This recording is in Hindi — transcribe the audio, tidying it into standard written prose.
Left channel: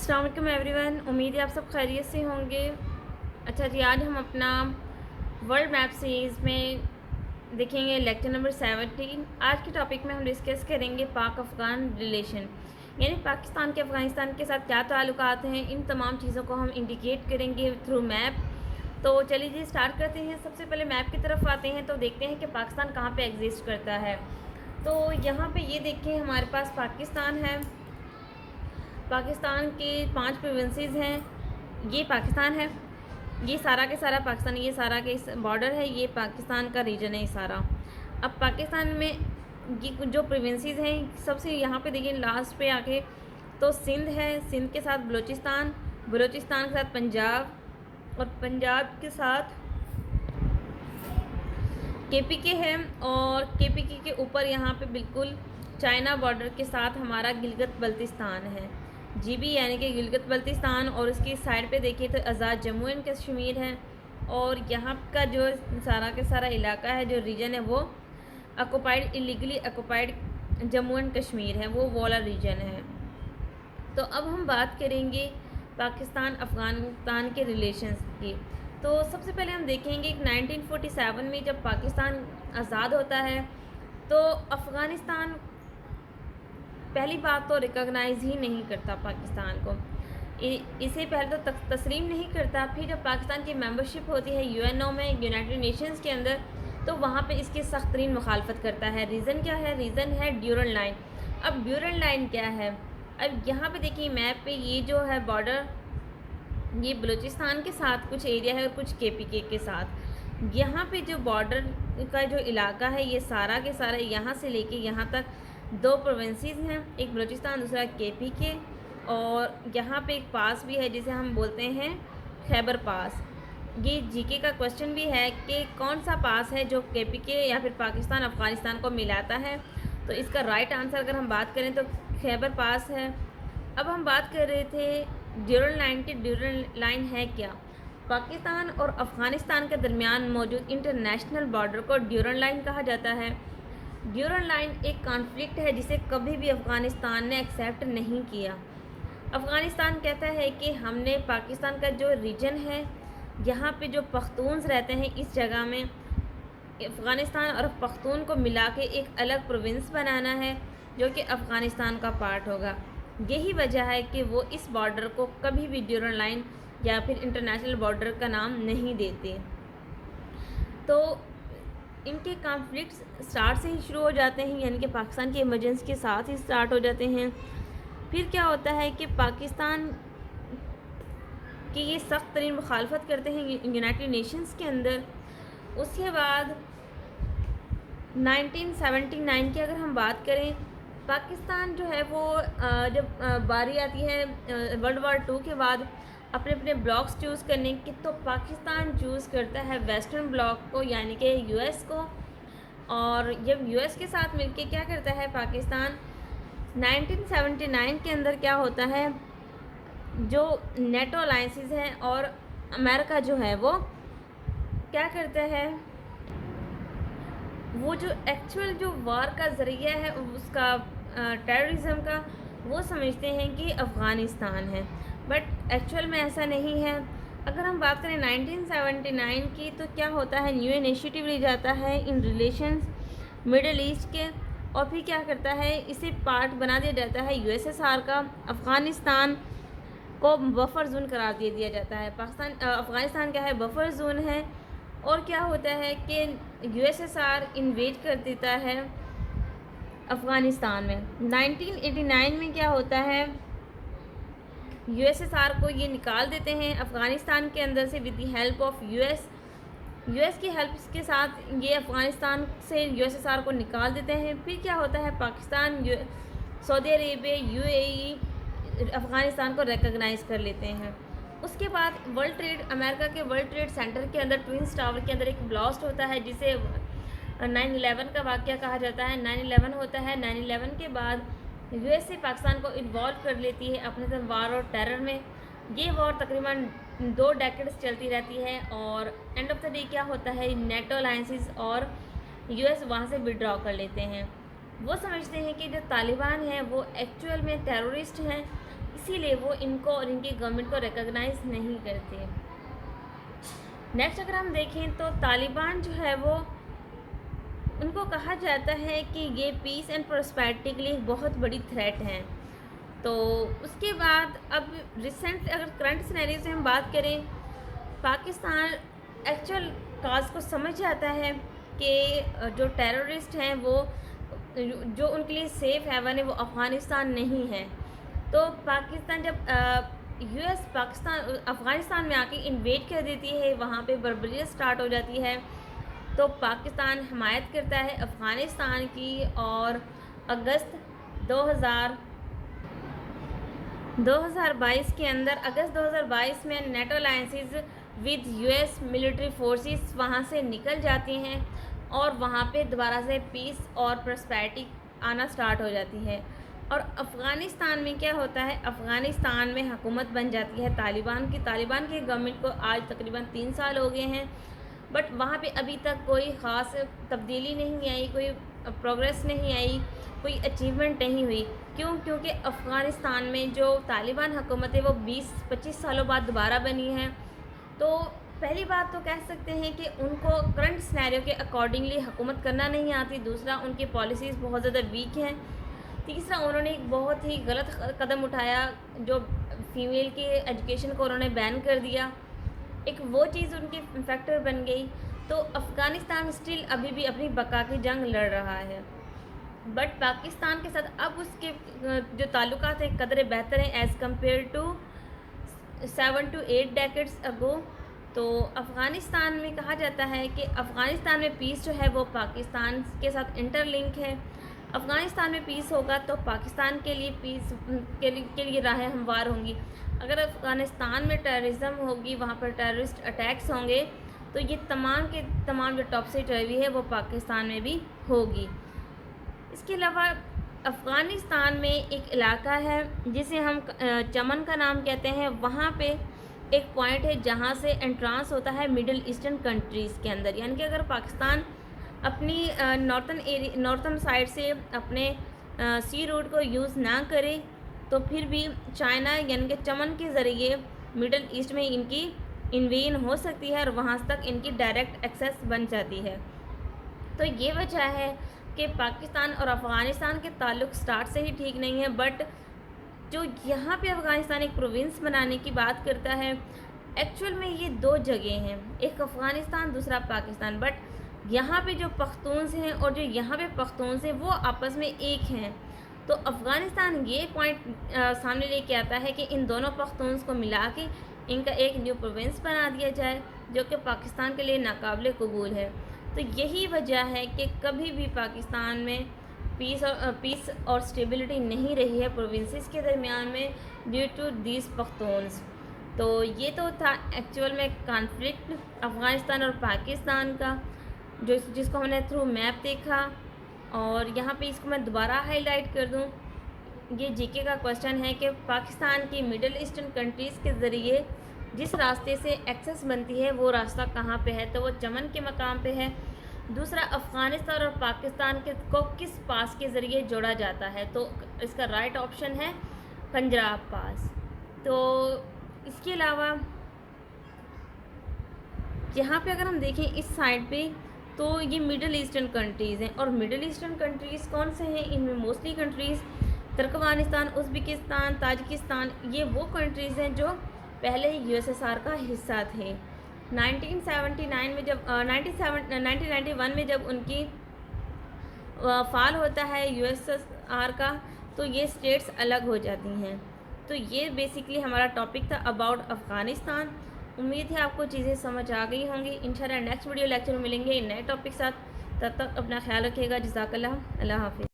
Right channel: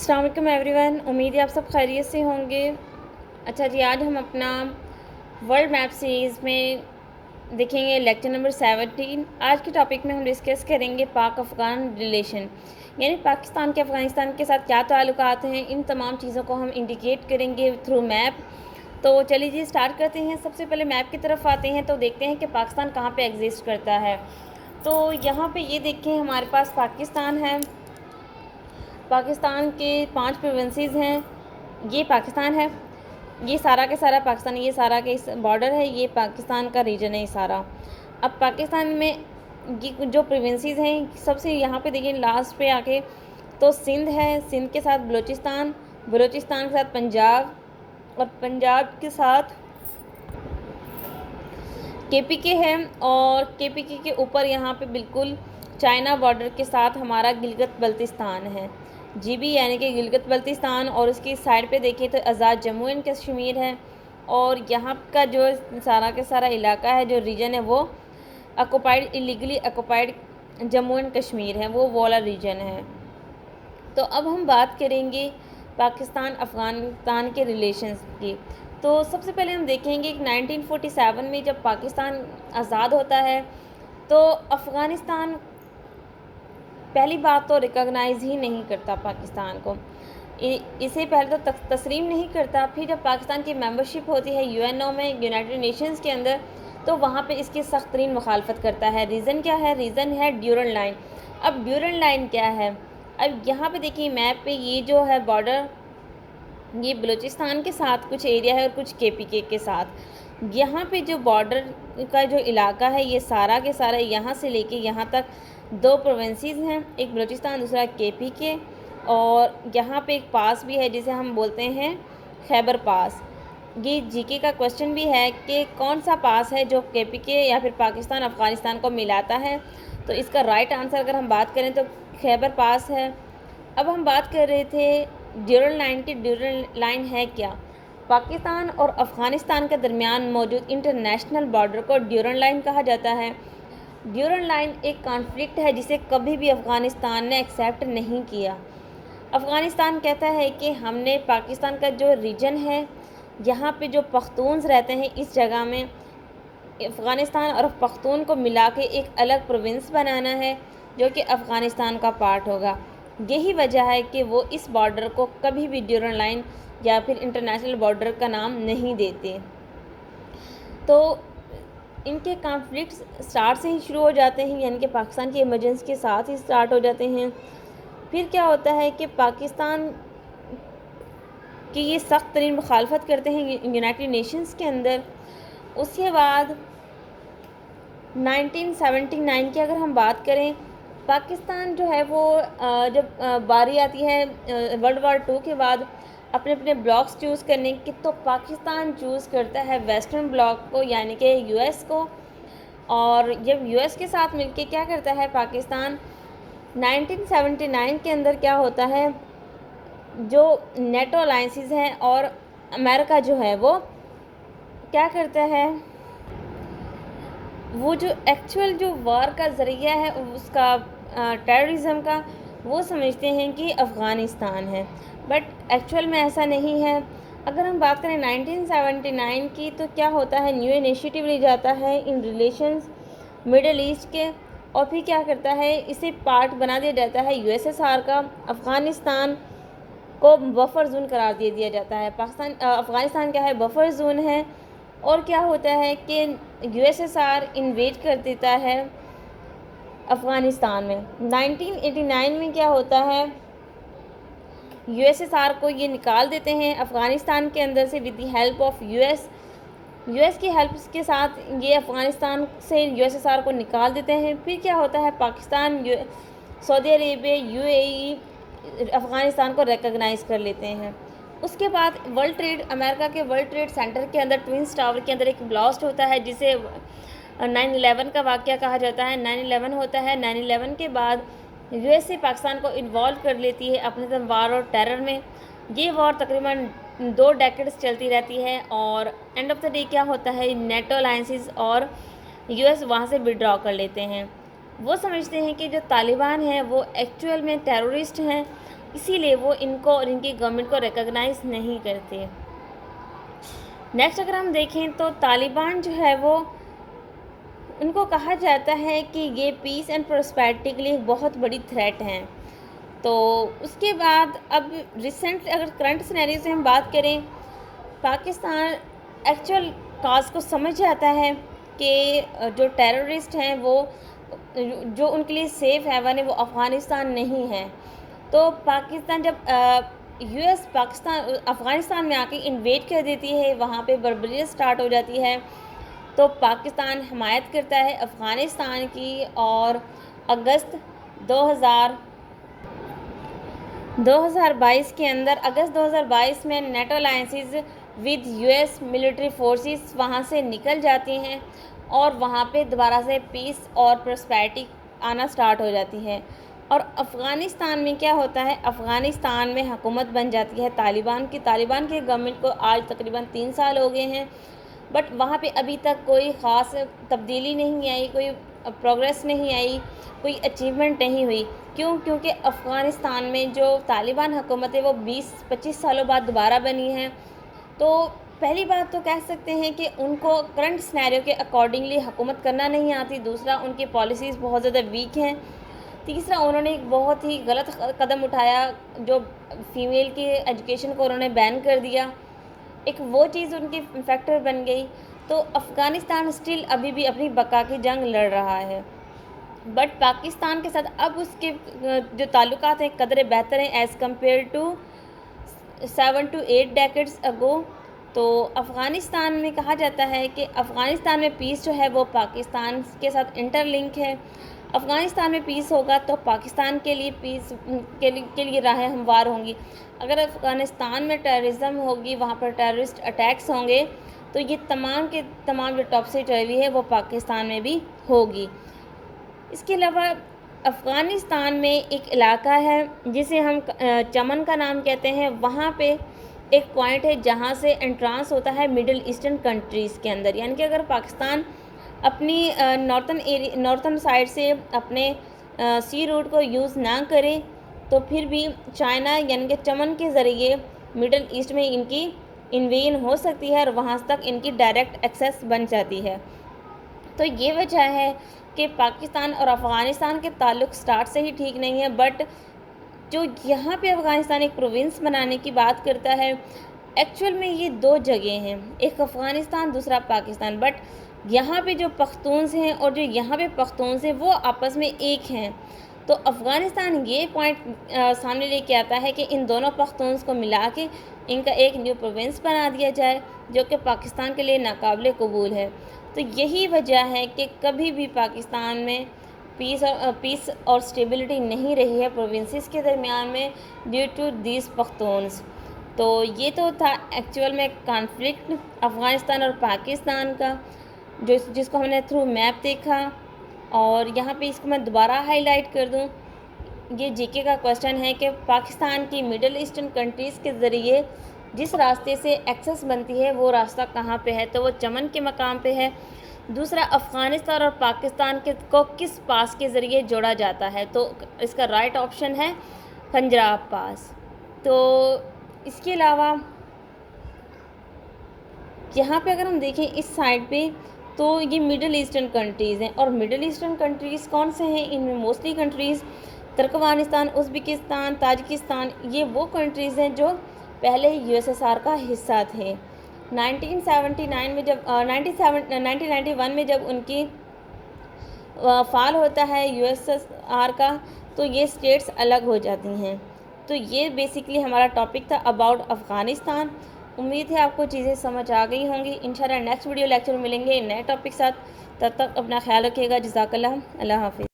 अस्सलाम वालेकुम एवरीवन, उम्मीद है आप सब खैरियत से होंगे। अच्छा जी, आज हम अपना वर्ल्ड मैप सीरीज़ में देखेंगे लेक्चर नंबर 17। आज के टॉपिक में हम डिस्कस करेंगे पाक अफ़गान रिलेशन, यानी पाकिस्तान के अफ़गानिस्तान के साथ क्या ताल्लुकात हैं। इन तमाम चीज़ों को हम इंडिकेट करेंगे थ्रू मैप। तो चलिए जी स्टार्ट करते हैं। सबसे पहले मैप की तरफ आते हैं तो देखते हैं कि पाकिस्तान कहाँ पे एग्जिस्ट करता है। तो यहाँ पे ये देखें, हमारे पास पाकिस्तान है। पाकिस्तान के 5 प्रोविंसेस हैं। ये पाकिस्तान है, ये सारा के सारा पाकिस्तान, ये सारा के बॉर्डर है, ये पाकिस्तान का रीजन है ये सारा। अब पाकिस्तान में ये जो प्रोविंसेस हैं, सबसे यहाँ पे देखिए लास्ट पे आके तो सिंध है, सिंध के साथ बलूचिस्तान, बलूचिस्तान के साथ पंजाब और पंजाब के साथ केपीके है, और केपीके के ऊपर यहाँ पे बिल्कुल चाइना बॉर्डर के साथ हमारा गिलगित बल्तिस्तान है, जीबी यानी कि गिलगित बल्तिस्तान। और उसकी साइड पे देखिए तो आज़ाद जम्मू एंड कश्मीर है, और यहाँ का जो सारा के सारा इलाका है, जो रीजन है, वो occupied, illegally occupied Jammu and Kashmir है, वो वाला रीजन है। तो अब हम बात करेंगे पाकिस्तान अफ़गानिस्तान के रिलेशंस की। तो सबसे पहले हम देखेंगे कि 1947 में जब पाकिस्तान आज़ाद होता है तो अफ़गानिस्तान पहली बात तो रिकॉग्नाइज़ ही नहीं करता पाकिस्तान को, इसे पहले तो तस्लीम नहीं करता। फिर जब पाकिस्तान की मेंबरशिप होती है यूएनओ में, यूनाइटेड नेशंस के अंदर, तो वहाँ पे इसकी सख्त तरीन मुखालफत करता है। रीज़न क्या है? रीज़न है ड्यूरल लाइन। अब ड्यूरल लाइन क्या है? अब यहाँ पे देखिए मैप पे, ये जो है बॉर्डर, ये बलूचिस्तान के साथ कुछ एरिया है और कुछ केपीके के साथ। यहाँ पे जो बॉर्डर का जो इलाका है, ये सारा के सारा यहाँ से लेके यहाँ तक 2 प्रोविंसेस हैं, एक बलूचिस्तान, दूसरा केपीके। और यहाँ पे एक पास भी है जिसे हम बोलते हैं खैबर पास। ये जीके का क्वेश्चन भी है कि कौन सा पास है जो केपीके या फिर पाकिस्तान अफ़गानिस्तान को मिलाता है। तो इसका राइट आंसर अगर हम बात करें तो खैबर पास है। अब हम बात कर रहे थे ड्यूरल लाइन की। ड्यूरल लाइन है क्या? पाकिस्तान और अफ़गानिस्तान के दरमियान मौजूद इंटरनेशनल बॉर्डर को ड्यूरल लाइन कहा जाता है। ड्यूरल लाइन एक कॉन्फ्लिक्ट है जिसे कभी भी अफ़गानिस्तान ने एक्सेप्ट नहीं किया। अफ़गानिस्तान कहता है कि हमने पाकिस्तान का जो रीजन है, यहाँ पे जो पख्तून्स रहते हैं, इस जगह में अफ़गानिस्तान और पख्तून को मिला के एक अलग प्रोविंस बनाना है जो कि अफ़गानिस्तान का पार्ट होगा। यही वजह है कि वो इस बॉर्डर को कभी भी ड्यूरल लाइन या फिर इंटरनेशनल बॉर्डर का नाम नहीं देते। तो इनके कॉन्फ्लिक्ट्स स्टार्ट से ही शुरू हो जाते हैं, यानी कि पाकिस्तान की इमरजेंसी के साथ ही स्टार्ट हो जाते हैं। फिर क्या होता है कि पाकिस्तान की ये सख्त तरीन मुखालफत करते हैं यूनाइटेड नेशंस के अंदर। उसके बाद 1979 की अगर हम बात करें, पाकिस्तान जो है वो जब बारी आती है वर्ल्ड वार 2 के बाद अपने अपने ब्लॉक्स चूज़ करने की, तो पाकिस्तान चूज़ करता है वेस्टर्न ब्लॉक को, यानी कि यूएस को। और जब यूएस के साथ मिलके क्या करता है पाकिस्तान, 1979 के अंदर क्या होता है, जो नेटो अलायंसेस हैं और अमेरिका जो है वो क्या करता है, वो जो एक्चुअल जो वार का ज़रिया है उसका टेररिज्म का, वो समझते हैं कि अफ़गानिस्तान है, बट एक्चुअल में ऐसा नहीं है। अगर हम बात करें 1979 की, तो क्या होता है, न्यू इनिशिएटिव ले जाता है इन रिलेशंस मिडल ईस्ट के, और फिर क्या करता है, इसे पार्ट बना दिया जाता है यूएसएसआर का। अफ़गानिस्तान को बफर जोन करार दे दिया जाता है। अफ़गानिस्तान क्या है, बफर जोन है। और क्या होता है कि यूएसएसआर इन्वेड कर देता है अफ़गानिस्तान में। 1989 में क्या होता है, यूएसएसआर को ये निकाल देते हैं अफ़गानिस्तान के अंदर से with the help of US की हेल्प के साथ ये अफ़गानिस्तान से यूएसएसआर को निकाल देते हैं। फिर क्या होता है, Pakistan, Saudi Arabia, UAE Afghanistan को रिकॉग्नाइज़ कर लेते हैं। उसके बाद अमेरिका के वर्ल्ड ट्रेड सेंटर के अंदर, ट्विंस टावर के अंदर एक ब्लास्ट होता है जिसे 9/11 का वाक़या कहा जाता है। 9/11 होता है। 9/11 के बाद यूएसए पाकिस्तान को इन्वॉल्व कर लेती है अपने साथ वार और टेरर में। ये वॉर तकरीबन 2 डेकेड्स चलती रहती है, और एंड ऑफ द डे क्या होता है, नेटो अलायंसेस और यूएस वहाँ से विड्रॉ कर लेते हैं। वो समझते हैं कि जो तालिबान हैं वो एक्चुअल में टेररिस्ट हैं, इसीलिए वो इनको और इनकी गवर्नमेंट को रिकॉग्नाइज़ नहीं करते। नेक्स्ट अगर हम देखें तो तालिबान जो है वो, उनको कहा जाता है कि ये पीस एंड प्रॉस्पेरिटी के लिए बहुत बड़ी थ्रेट हैं। तो उसके बाद अब रिसेंट अगर करंट सिनेरियो से हम बात करें, पाकिस्तान एक्चुअल काज को समझ जाता है कि जो टेररिस्ट हैं वो, जो उनके लिए सेफ़ हेवन है वो अफ़गानिस्तान नहीं है। तो पाकिस्तान जब यूएस पाकिस्तान अफ़गानिस्तान में आके इन्वेड कर देती है, वहाँ पे बर्बरियत स्टार्ट हो जाती है, तो पाकिस्तान हमायत करता है अफ़गानिस्तान की। और अगस्त 2022 के अंदर, अगस्त 2022 में NATO alliances with US military forces वहाँ से निकल जाती हैं और वहाँ पे दोबारा से पीस और प्रॉस्पेरिटी आना स्टार्ट हो जाती है। और अफ़गानिस्तान में क्या होता है, अफ़गानिस्तान में हुकूमत बन जाती है तालिबान की। तालिबान की गवर्नमेंट को आज तकरीबन 3 साल हो गए हैं, बट वहाँ पे अभी तक कोई ख़ास तब्दीली नहीं आई, कोई प्रोग्रेस नहीं आई, कोई अचीवमेंट नहीं हुई। क्यों? क्योंकि अफ़गानिस्तान में जो तालिबान हुकूमत है वो 20-25 सालों बाद दोबारा बनी है। तो पहली बात तो कह सकते हैं कि उनको करंट सिनेरियो के अकॉर्डिंगली हुकूमत करना नहीं आती। दूसरा, उनकी पॉलिसीज़ बहुत ज़्यादा वीक हैं। तीसरा, उन्होंने एक बहुत ही गलत कदम उठाया, जो फ़ीमेल की एजुकेशन को उन्होंने बैन कर दिया। एक वो चीज़ उनकी फैक्टर बन गई। तो अफ़गानिस्तान स्टिल अभी भी अपनी बका की जंग लड़ रहा है, बट पाकिस्तान के साथ अब उसके जो ताल्लुकात हैं कदरे बेहतर हैं as compare to 7 to 8 decades ago. तो अफ़गानिस्तान में कहा जाता है कि अफ़गानिस्तान में पीस जो है वो पाकिस्तान के साथ इंटरलिंक है। अफ़गानिस्तान में पीस होगा तो पाकिस्तान के लिए पीस के लिए राहें हमवार होंगी। अगर अफ़गानिस्तान में टेररिज्म होगी, वहाँ पर टेररिस्ट अटैक्स होंगे, तो ये तमाम के तमाम जो टॉपसी चर्वी है वो पाकिस्तान में भी होगी। इसके अलावा अफ़गानिस्तान में एक इलाका है जिसे हम चमन का नाम कहते हैं। वहाँ पे एक पॉइंट है जहाँ से एंट्रांस होता है मिडिल ईस्टर्न कंट्रीज़ के अंदर। यानी कि अगर पाकिस्तान अपनी नॉर्थन साइड से अपने सी रूट को यूज़ ना करे, तो फिर भी चाइना यानी कि चमन के ज़रिए मिडिल ईस्ट में इनकी इन्वेजन हो सकती है और वहाँ तक इनकी डायरेक्ट एक्सेस बन जाती है। तो ये वजह है कि पाकिस्तान और अफ़गानिस्तान के ताल्लुक़ स्टार्ट से ही ठीक नहीं है। बट जो यहाँ पे अफ़गानिस्तान एक प्रोविंस बनाने की बात करता है, एक्चुअल में ये 2 जगह हैं, एक अफ़गानिस्तान दूसरा पाकिस्तान। बट यहाँ पे जो पख्तून्स हैं और जो यहाँ पे पख्तून्स हैं वो आपस में एक हैं। तो अफ़गानिस्तान ये पॉइंट सामने लेके आता है कि इन दोनों पख्तून्स को मिला के इनका एक न्यू प्रोविंस बना दिया जाए, जो कि पाकिस्तान के लिए नाकाबिले कबूल है। तो यही वजह है कि कभी भी पाकिस्तान में पीस और स्टेबिलिटी नहीं रही है प्रोविंसेस के दरमियान में ड्यू टू दीज पख्तून्स। तो ये तो था एक्चुअल में कॉन्फ्लिक्ट अफ़गानिस्तान और पाकिस्तान का, जिसको हमने थ्रू मैप देखा। और यहाँ पे इसको मैं दोबारा हाईलाइट कर दूँ, ये जीके का क्वेश्चन है कि पाकिस्तान की मिडिल ईस्टर्न कंट्रीज़ के ज़रिए जिस रास्ते से एक्सेस बनती है वो रास्ता कहाँ पे है, तो वो चमन के मकाम पे है। दूसरा, अफ़गानिस्तान और पाकिस्तान को किस पास के ज़रिए जोड़ा जाता है, तो इसका राइट ऑप्शन है पंजाब पास। तो इसके अलावा यहाँ पे अगर हम देखें इस साइड पे, तो ये मिडिल ईस्टर्न कंट्रीज़ हैं। और मिडिल ईस्टर्न कंट्रीज़ कौन से हैं? इनमें mostly countries Turkmenistan, Uzbekistan, Tajikistan, ये वो कंट्रीज़ हैं जो पहले यूएसएसआर का हिस्सा थे। 1979 में जब 1991 में जब उनकी फाल होता है यूएसएसआर का, तो ये स्टेट्स अलग हो जाती हैं। तो ये बेसिकली हमारा टॉपिक था अबाउट अफ़गानिस्तान। उम्मीद है आपको चीज़ें समझ आ गई होंगी। इंशाल्लाह नेक्स्ट वीडियो लेक्चर में मिलेंगे नए टॉपिक साथ। तब तक अपना ख्याल रखिएगा। जज़ाकल्लाह, अल्लाह हाफ़िज़।